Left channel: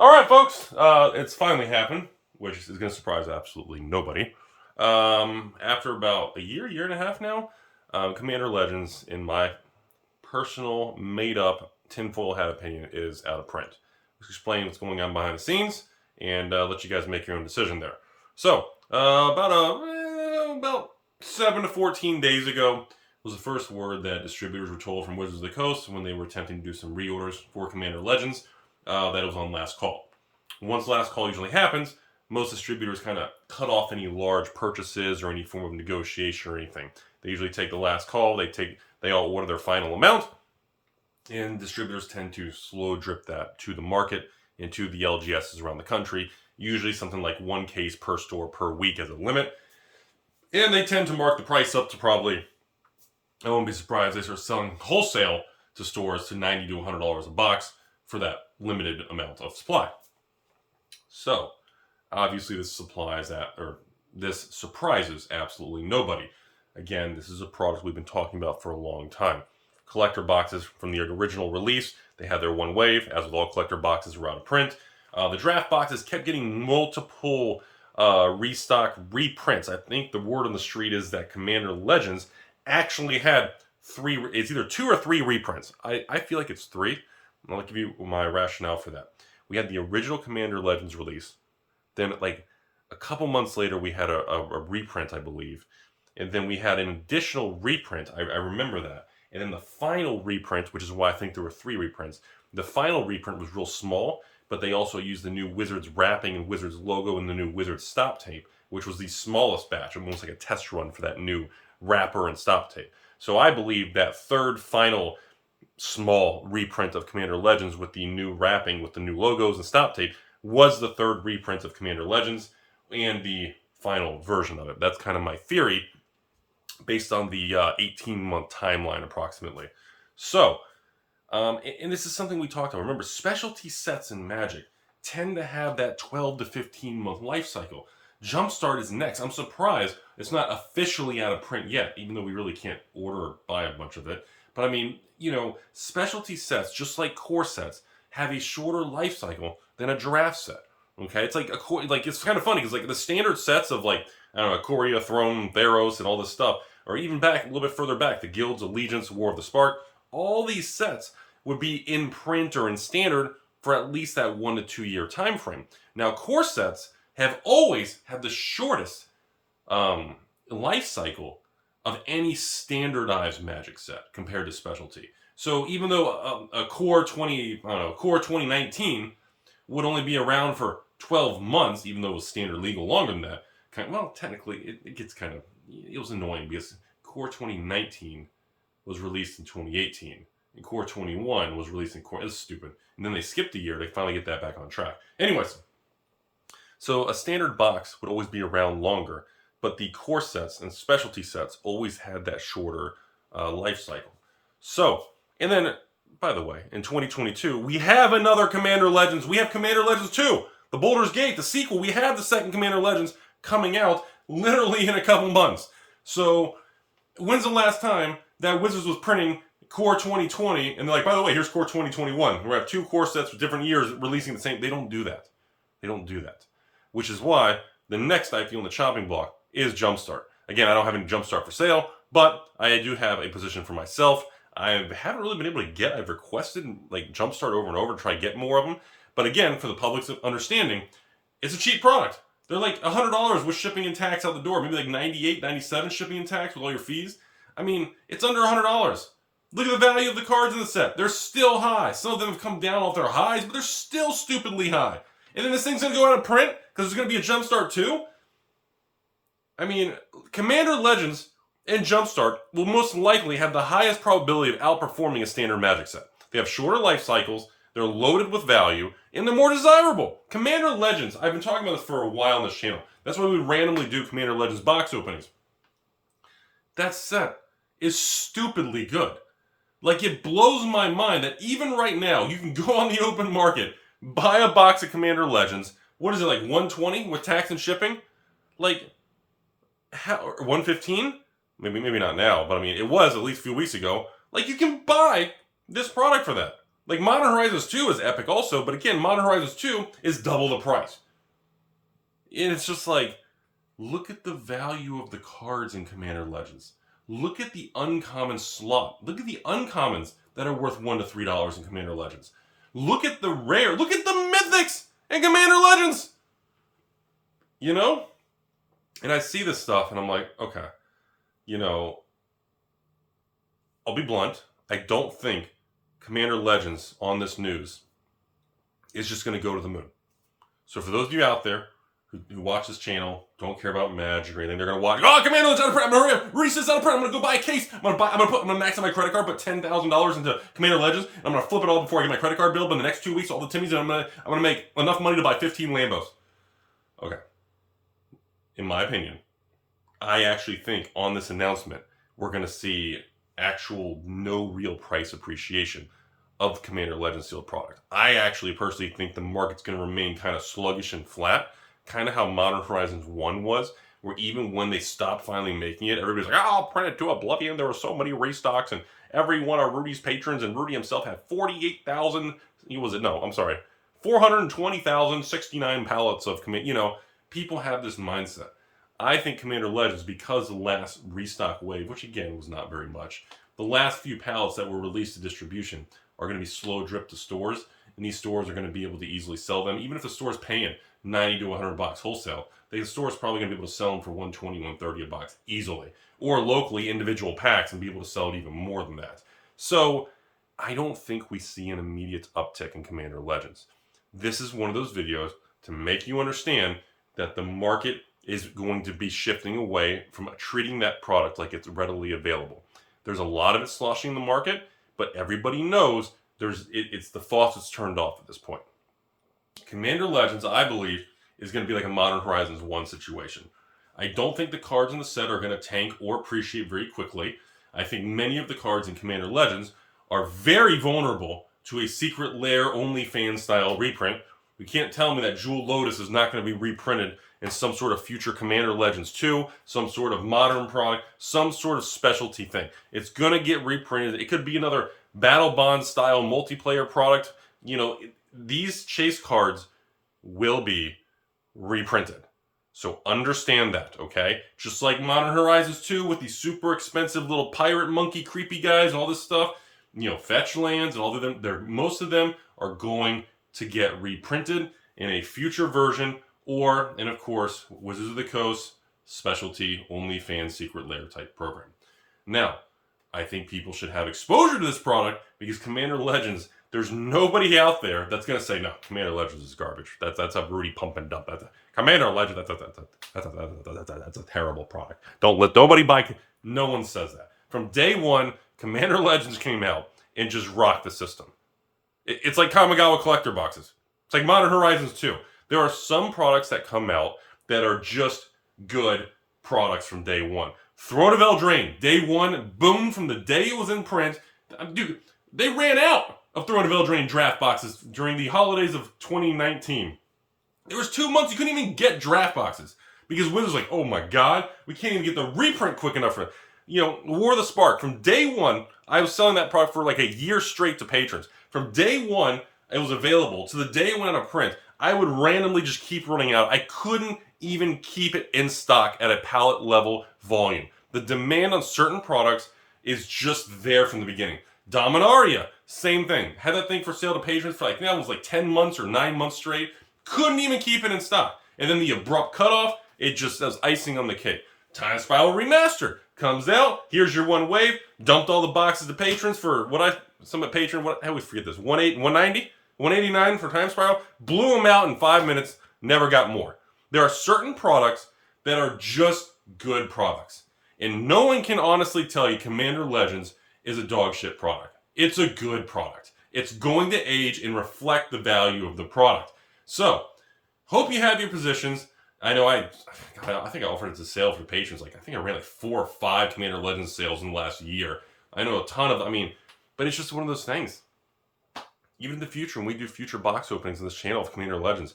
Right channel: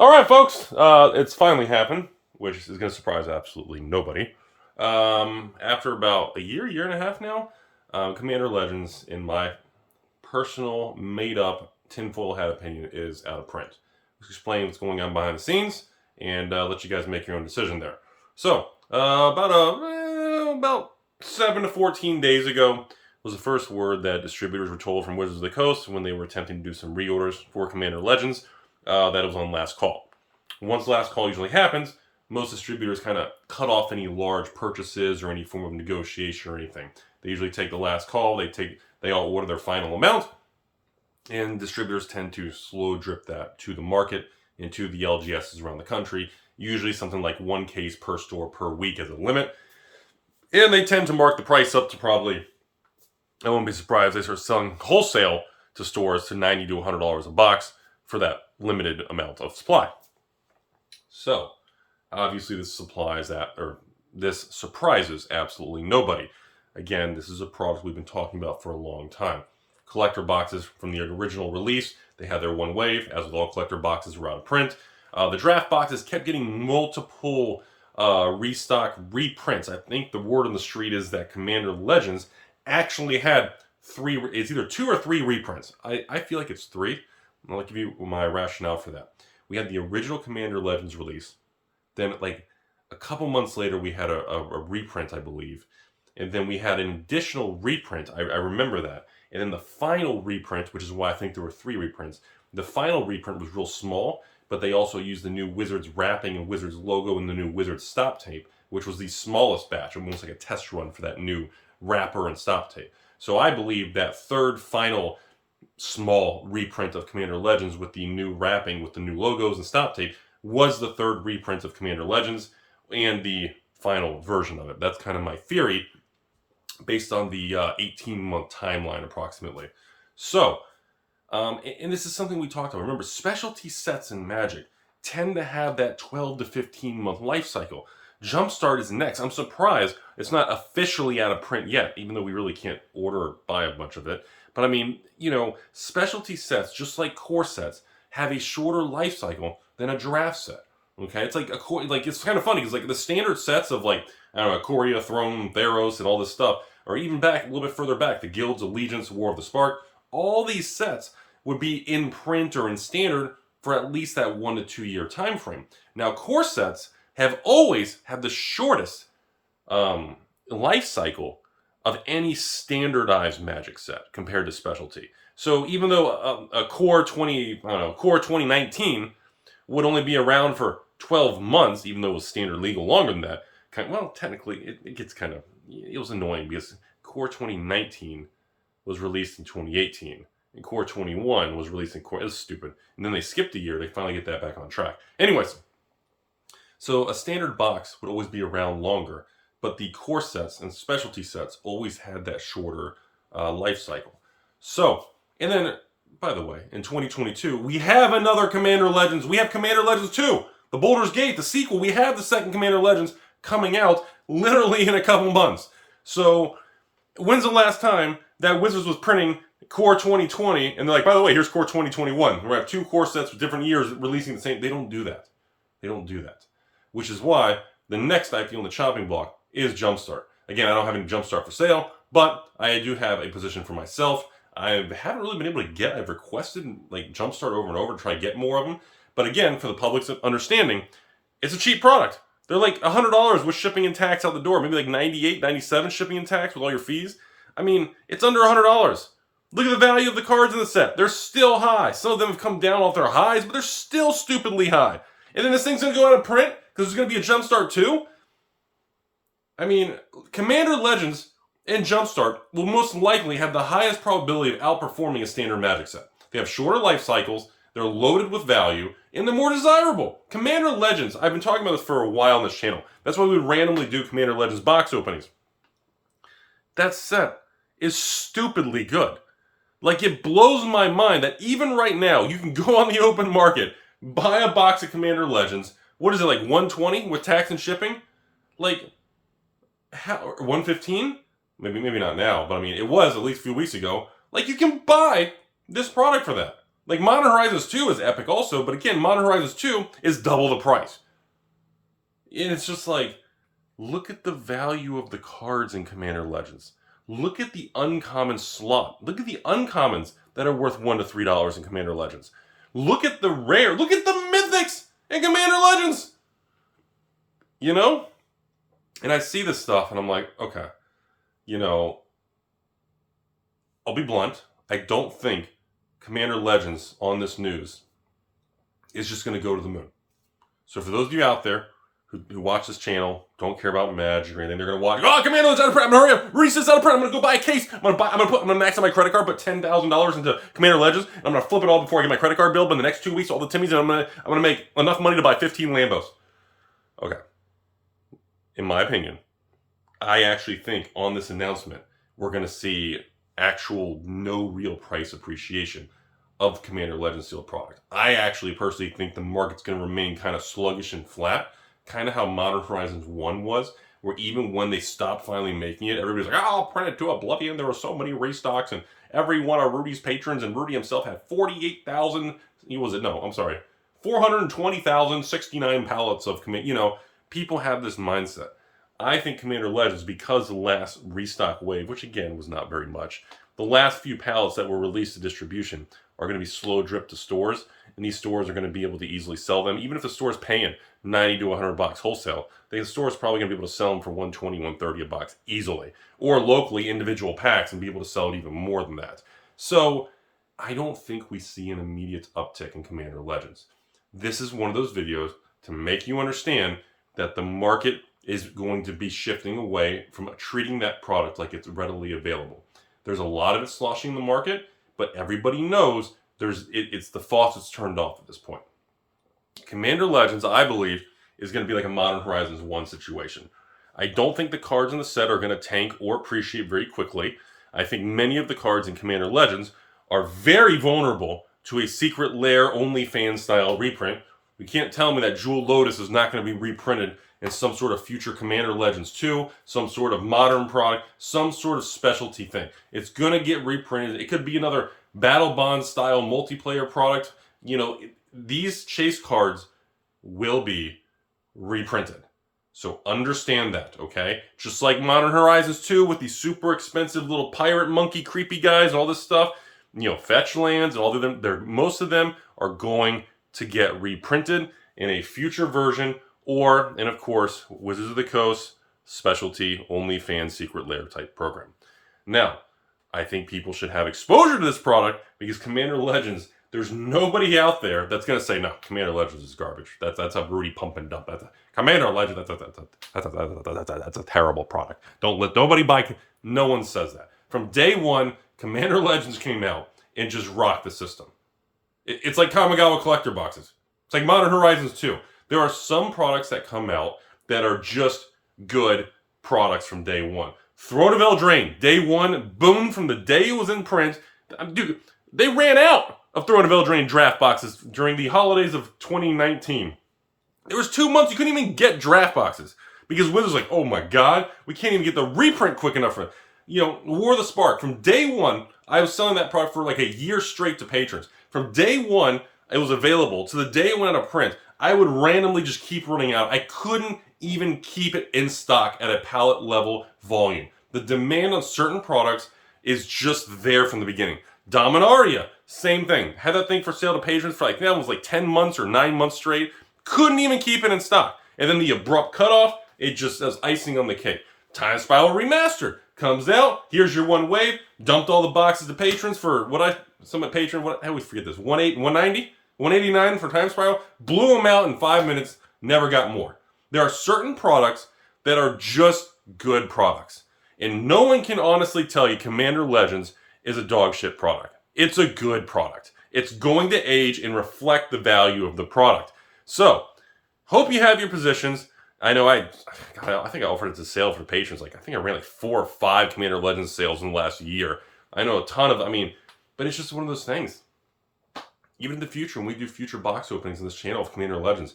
All right, folks, it's finally happened, which is going to surprise absolutely nobody. After about a year and a half now, Commander Legends, in my personal, made-up, tinfoil hat opinion, is out of print. Let's explain what's going on behind the scenes and let you guys make your own decision there. So, about 7 to 14 days ago was the first word that distributors were told from Wizards of the Coast when they were attempting to do some reorders for Commander Legends. That it was on last call. Once last call usually happens, most distributors kind of cut off any large purchases or any form of negotiation or anything. They usually take the last call. They all order their final amount, and distributors tend to slow drip that to the market and to the LGSs around the country. Usually something like one case per store per week as a limit, and they tend to mark the price up to probably, I won't be surprised, they start selling wholesale to stores to $90 to $100 a box for that limited amount of supply. So, obviously this surprises absolutely nobody. Again, this is a product we've been talking about for a long time. Collector boxes from the original release, they had their one wave, as with all collector boxes, were out of print. The draft boxes kept getting multiple restock reprints. I think the word on the street is that Commander Legends actually had it's either 2 or 3 reprints. I feel like it's 3. I'll give you my rationale for that. We had the original Commander Legends release. Then, like, a couple months later, we had a reprint, I believe. And then we had an additional reprint. I remember that. And then the final reprint, which is why I think there were 3 reprints. The final reprint was real small, but they also used the new Wizards wrapping and Wizards logo and the new Wizards stop tape, which was the smallest batch, almost like a test run for that new wrapper and stop tape. So I believe that third final small reprint of Commander Legends with the new wrapping, with the new logos and stop tape, was the third reprint of Commander Legends and the final version of it. That's kind of my theory based on the 18-month timeline approximately. So, and this is something we talked about. Remember, specialty sets in Magic tend to have that 12 to 15-month life cycle. Jumpstart is next. I'm surprised it's not officially out of print yet, even though we really can't order or buy a bunch of it. But I mean, specialty sets, just like core sets, have a shorter life cycle than a draft set. Okay, it's like it's kind of funny because like the standard sets of like, I don't know, Ikoria, Throne, Theros, and all this stuff, or even back a little bit further back, the Guilds, Allegiance, War of the Spark, all these sets would be in print or in standard for at least that 1 to 2 year time frame. Now, core sets have always had the shortest life cycle of any standardized Magic set compared to specialty. So even though a core 2019 would only be around for 12 months, even though it was standard legal longer than that, technically it was annoying because core 2019 was released in 2018 and core 21 was released it was stupid. And then they skipped a year to finally get that back on track. Anyways, so a standard box would always be around longer, but the core sets and specialty sets always had that shorter life cycle. So, and then, by the way, in 2022, we have another Commander Legends. We have Commander Legends 2, the Baldur's Gate, the sequel. We have the second Commander Legends coming out literally in a couple months. So, when's the last time that Wizards was printing Core 2020 and they're like, by the way, here's Core 2021. We have 2 core sets with different years releasing the same. They don't do that. They don't do that. Which is why the next I feel on the chopping block is Jumpstart. Again, I don't have any Jumpstart for sale, but I do have a position for myself. I haven't really been able to get. I've requested like Jumpstart over and over to try to get more of them. But again, for the public's understanding, it's a cheap product. They're like $100 with shipping and tax out the door. Maybe like $98, $97 shipping and tax with all your fees. I mean, it's under $100. Look at the value of the cards in the set. They're still high. Some of them have come down off their highs, but they're still stupidly high. And then this thing's going to go out of print because there's going to be a Jumpstart 2? I mean, Commander Legends and Jumpstart will most likely have the highest probability of outperforming a standard Magic set. They have shorter life cycles, they're loaded with value, and they're more desirable. Commander Legends, I've been talking about this for a while on this channel. That's why we would randomly do Commander Legends box openings. That set is stupidly good. Like, it blows my mind that even right now, you can go on the open market, buy a box of Commander Legends. What is it, like $120 with tax and shipping? Like, how, $115? Maybe not now, but I mean, it was at least a few weeks ago. Like, you can buy this product for that. Like Modern Horizons 2 is epic also, but again, Modern Horizons 2 is double the price. And it's just like, look at the value of the cards in Commander Legends. Look at the uncommon slot. Look at the uncommons that are worth $1 to $3 in Commander Legends. Look at the rare. Look at the mythics in Commander Legends. You know? And I see this stuff and I'm like, okay, you know, I'll be blunt. I don't think Commander Legends on this news is just going to go to the moon. So for those of you out there who watch this channel, don't care about Magic or anything, they're going to watch, oh, Commander Legends out of print, I'm going to hurry up, Rudy says out of print, I'm going to go buy a case, I'm going to max out my credit card, put $10,000 into Commander Legends, and I'm going to flip it all before I get my credit card bill, but in the next 2 weeks, all the Timmies, and I'm going to make enough money to buy 15 Lambos. Okay. In my opinion, I actually think on this announcement, we're going to see actual no real price appreciation of Commander Legends sealed product. I actually personally think the market's going to remain kind of sluggish and flat, kind of how Modern Horizons 1 was, where even when they stopped finally making it, everybody's like, oh, I'll print it to oblivion. There were so many restocks, and every one of Rudy's patrons, and Rudy himself had 48,000, 420,069 pallets of Commander. You know, people have this mindset. I think Commander Legends, because the last restock wave, which again was not very much, the last few pallets that were released to distribution are going to be slow drip to stores, and these stores are going to be able to easily sell them. Even if the store's paying $90 to $100 wholesale, the store's probably going to be able to sell them for $120, $130 a box easily. Or locally, individual packs, and be able to sell it even more than that. So I don't think we see an immediate uptick in Commander Legends. This is one of those videos to make you understand that the market is going to be shifting away from treating that product like it's readily available. There's a lot of it sloshing in the market, but everybody knows it's the faucet's turned off at this point. Commander Legends, I believe, is going to be like a Modern Horizons 1 situation. I don't think the cards in the set are going to tank or appreciate very quickly. I think many of the cards in Commander Legends are very vulnerable to a Secret Lair OnlyFans style reprint. You can't tell me that Jewel Lotus is not going to be reprinted in some sort of future Commander Legends 2, some sort of modern product, some sort of specialty thing. It's going to get reprinted. It could be another Battle Bond style multiplayer product. You know, these chase cards will be reprinted. So understand that, okay? Just like Modern Horizons 2 with these super expensive little pirate monkey creepy guys and all this stuff, you know, fetch lands and all of them, most of them are going to get reprinted in a future version, or, and of course, Wizards of the Coast specialty OnlyFans Secret Lair type program. Now, I think people should have exposure to this product because Commander Legends, there's nobody out there that's going to say, no, Commander Legends is garbage. That's a Rudy pump and dump. Commander Legends, that's a terrible product. Don't let nobody buy. No one says that. From day one, Commander Legends came out and just rocked the system. It's like Kamigawa collector boxes. It's like Modern Horizons 2. There are some products that come out that are just good products from day one. Throne of Eldraine, day one, boom, from the day it was in print. Dude, they ran out of Throne of Eldraine draft boxes during the holidays of 2019. There was 2 months you couldn't even get draft boxes because Wizards was like, oh my God, we can't even get the reprint quick enough for it. You know, War of the Spark. From day one, I was selling that product for like a year straight to patrons. From day one, it was available to the day it went out of print. I would randomly just keep running out. I couldn't even keep it in stock at a pallet level volume. The demand on certain products is just there from the beginning. Dominaria, same thing. Had that thing for sale to patrons for like, that was like 10 months or 9 months straight. Couldn't even keep it in stock. And then the abrupt cutoff, it just as icing on the cake. Time Spiral Remastered comes out. Here's your one wave. Dumped all the boxes to patrons for I always forget this. 190? 189 for Time Spiral. Blew them out in 5 minutes. Never got more. There are certain products that are just good products. And no one can honestly tell you Commander Legends is a dog shit product. It's a good product. It's going to age and reflect the value of the product. So, hope you have your positions. I know I think I offered it to sale for patrons. I think I ran like 4 or 5 Commander Legends sales in the last year. I know a ton of, but it's just one of those things. Even in the future, when we do future box openings on this channel of Commander Legends,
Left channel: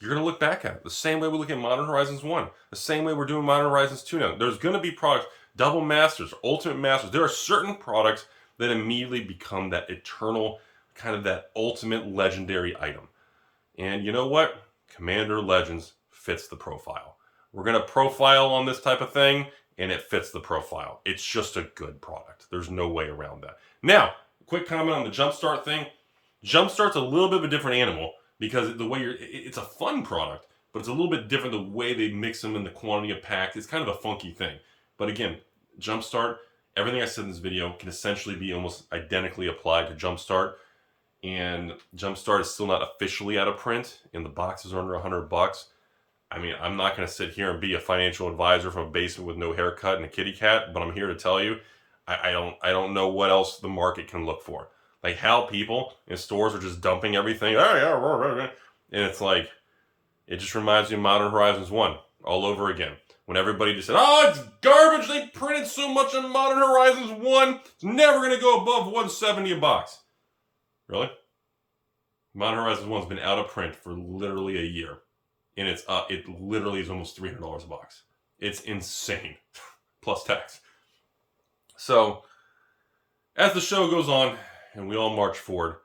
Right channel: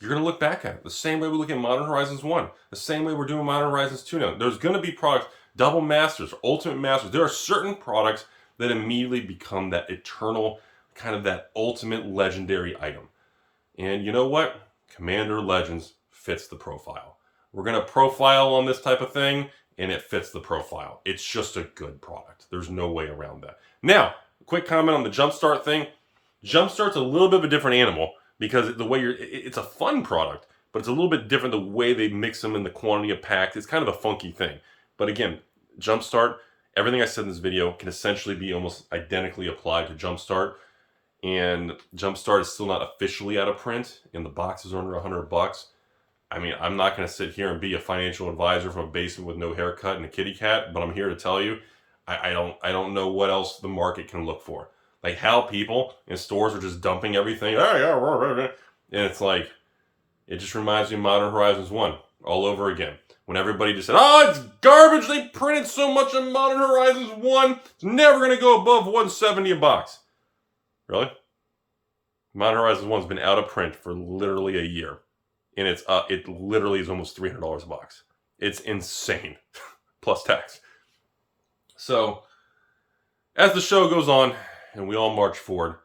you're going to look back at it the same way we look at Modern Horizons 1, the same way we're doing Modern Horizons 2 now. There's going to be products, Double Masters, Ultimate Masters. There are certain products that immediately become that eternal kind of that ultimate legendary item. And you know what? Commander Legends fits the profile. We're going to profile on this type of thing, and it fits the profile. It's just a good product. There's no way around that. Now, quick comment on the Jumpstart thing. Jumpstart's a little bit of a different animal because the way it's a fun product, but it's a little bit different the way they mix them in the quantity of packs. It's kind of a funky thing. But again, Jumpstart, everything I said in this video can essentially be almost identically applied to Jumpstart. And Jumpstart is still not officially out of print, and the boxes are under $100. I mean, I'm not going to sit here and be a financial advisor from a basement with no haircut and a kitty cat, but I'm here to tell you, I don't know what else the market can look for. Like how people in stores are just dumping everything. Oh, yeah, and it's like, it just reminds me of Modern Horizons 1 all over again. When everybody just said, oh, it's garbage. They printed so much in Modern Horizons 1. It's never going to go above $170 a box. Really? Modern Horizons 1's been out of print for literally a year. And it literally is almost $300 a box. It's insane. Plus tax. So, as the show goes on, and we all march forward,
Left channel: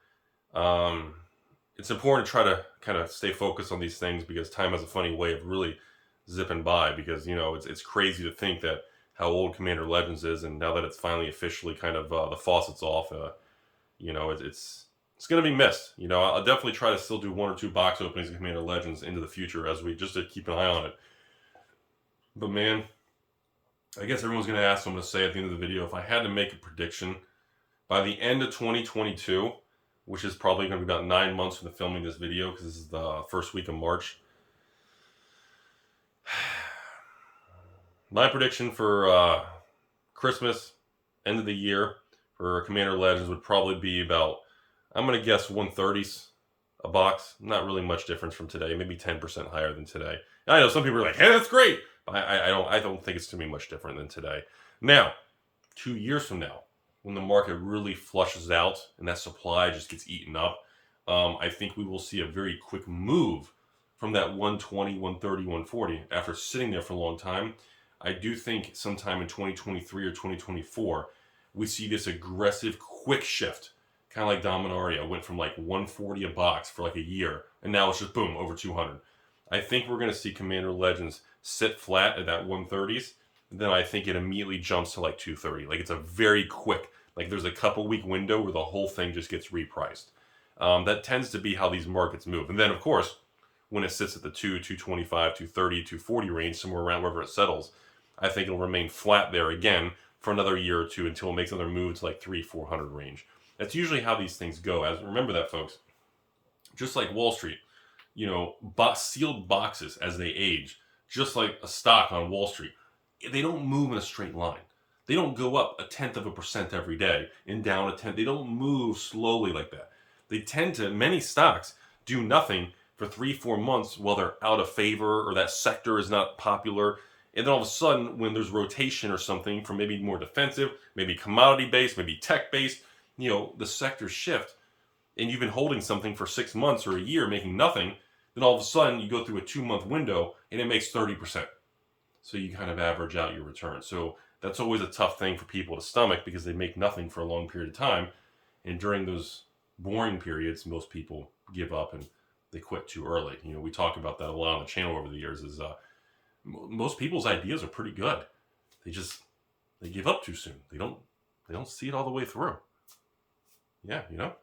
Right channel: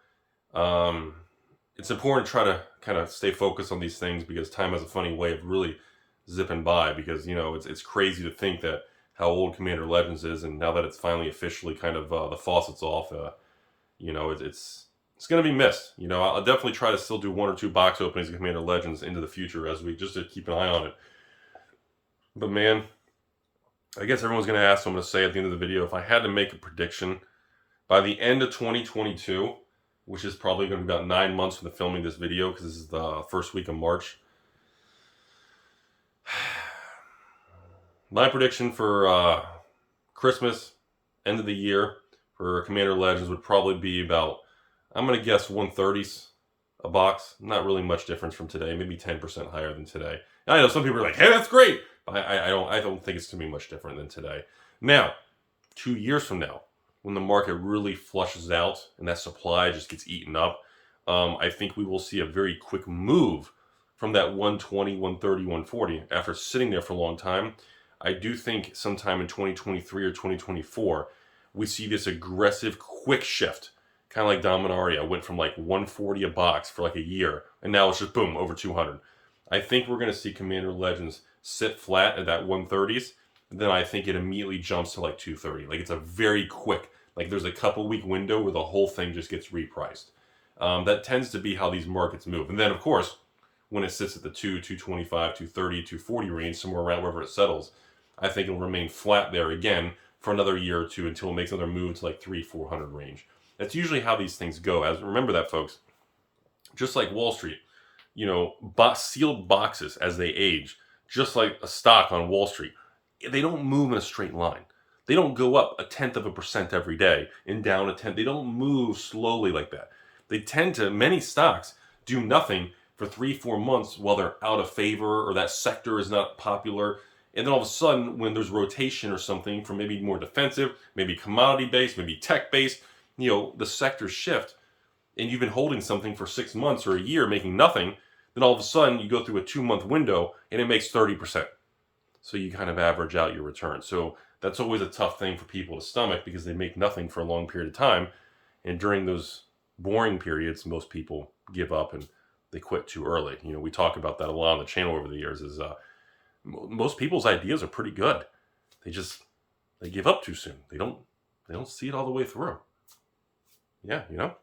it's important to try to kind of stay focused on these things because time has a funny way of really zipping by because, you know, it's crazy to think that how old Commander Legends is, and now that it's finally officially kind of the faucet's off, you know, it's going to be missed. You know, I'll definitely try to still do 1 or 2 box openings of Commander Legends into the future as we just to keep an eye on it. But man, I guess everyone's going to ask, so I'm going to say at the end of the video, if I had to make a prediction, by the end of 2022, which is probably going to be about 9 months from the filming this video, because this is the first week of March, my prediction for Christmas, end of the year, for Commander Legends would probably be about, I'm going to guess 130s a box. Not really much difference from today, maybe 10% higher than today. And I know some people are like, hey, that's great. But I don't think it's going to be much different than today. Now, 2 years from now, when the market really flushes out and that supply just gets eaten up, I think we will see a very quick move from that 120, 130, 140 after sitting there for a long time. I do think sometime in 2023 or 2024, we see this aggressive, quick shift. Kind of like Dominaria went from like 140 a box for like a year, and now it's just boom, over 200. I think we're going to see Commander Legends sit flat at that 130s, and then I think it immediately jumps to like 230. Like it's a very quick, like there's a couple week window where the whole thing just gets repriced. That tends to be how these markets move. And then of course, when it sits at the 225, 230, 240 range, somewhere around wherever it settles, I think it'll remain flat there again for another year or two until it makes another move to like 300-400 range. That's usually how these things go. Remember that, folks. Just like Wall Street, you know, sealed boxes as they age, just like a stock on Wall Street, they don't move in a straight line. They don't go up 0.1% every day and down 1/10. They don't move slowly like that. They tend to, many stocks, do nothing for 3-4 months while they're out of favor or that sector is not popular. And then all of a sudden, when there's rotation or something from maybe more defensive, maybe commodity-based, maybe tech-based, you know, the sectors shift, and you've been holding something for 6 months or a year making nothing, then all of a sudden you go through a 2-month window and it makes 30%. So you kind of average out your return. So that's always a tough thing for people to stomach because they make nothing for a long period of time. And during those boring periods, most people give up and they quit too early. You know, we talk about that a lot on the channel over the years is most people's ideas are pretty good. They give up too soon. They don't see it all the way through. Yeah, you know.